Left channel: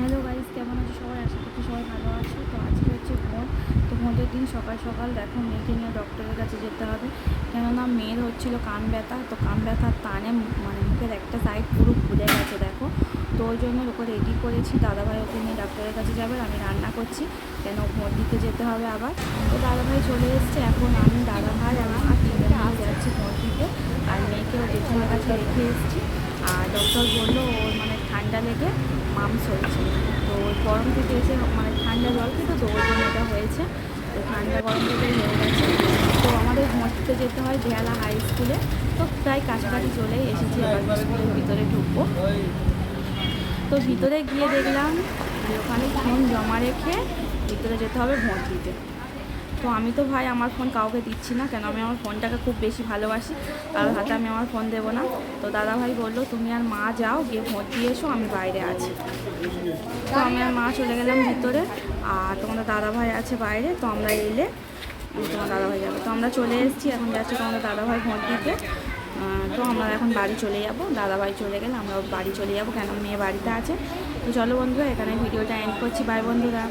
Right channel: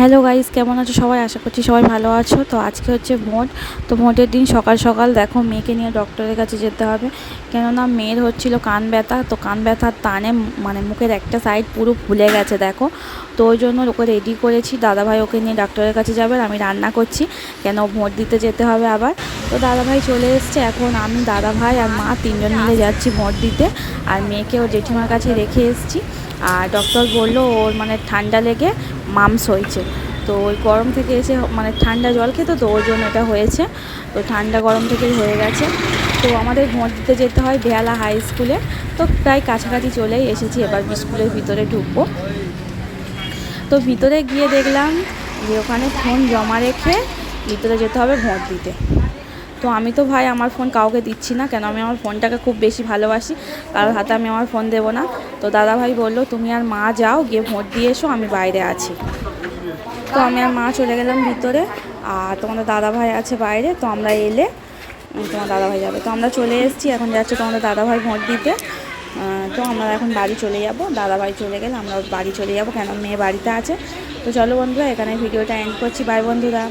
Hello guys কেমন আছো? সবাই আশা করছি সবাই ভালো আছো। তো আজকে হচ্ছে ভোট। তো ভোটের দিন সকাল সকাল দেখো মেয়েকে নিয়ে ডক্টরের কাছে যেতে হবে। কেননা মেয়ের হচ্ছিল কান ব্যথা। তো কান ব্যথার টানে মানে মুখের একটা সাইড পুরো ফুলে গেছে, দেখো। তো ওই জন্য ওকে রেডি করেছি। দাদাভাই ওকে নিয়ে ডাক্তারের কাছে যাবে। আমি রান্না করছি। কেন ভোট দিতে যেতে হবে আবার। তো দাদাভাই চলে এসছে। এখন আমি, দাদাভাই আর মা তিনজন মিলে যাচ্ছি ভোট দিতে। আর মেয়েকে ও জেঠিমার কাছে রেখে এসেছি। আর ডক্টর বলল ওর মানে ঠান্ডা লেগে মামস হয়েছে। তো ওই গরম থেকে এসে মানে ঠান্ডা জল খেতো, তো ওর জন্য এটা হয়েছে। তো ঠান্ডা গরম থেকেই হয়ে গেছে। তো আমাদের দিতে যেতে হয় বেহালা হাই স্কুলে তো প্রায় কাছাকাছি চলেই এসেছি, এবার স্কুলের ভিতরে ঢুকবো। তো ভিতরে গিয়ে দেখলাম যে ওখানে ফোন জমা রেখে ভিতরে যেতে হবে ভোট দিতে। তো আমি তো ভাই আমার ফোন কাউকে দিচ্ছি না, কেন আমি আমার ফোনটাকে খুব বেশি ভালোবাসি, কারোর হাতে আমি আমার ফোন দেবো না। তো দাদা ভাই বলল, তুমি আর মা যাও, গিয়ে ভোট দিয়ে এসো, আমি বাইরে আছি। তো আমি আর মা চলে গেলাম ভিতরে, আর তোমাদের দাদা ভাই আছে বাইরে, তো আমরা এলে তোমার দাদা ভাই যাবে। তো আমরা চলে এসেছি, এখন যাচ্ছে তোমাদের দাদা ভাই ভোট দিতে। তো আমরা এখন বাড়ি চলে যাব, দাদা ভাই চলে গেলে আমরা বাড়ি চলে যাব, কেন মেয়ে বাড়িতে আছে। তো চলো বন্ধুরা, এখানে ভিডিওটা এন্ড করছি। বাই বন্ধুরা।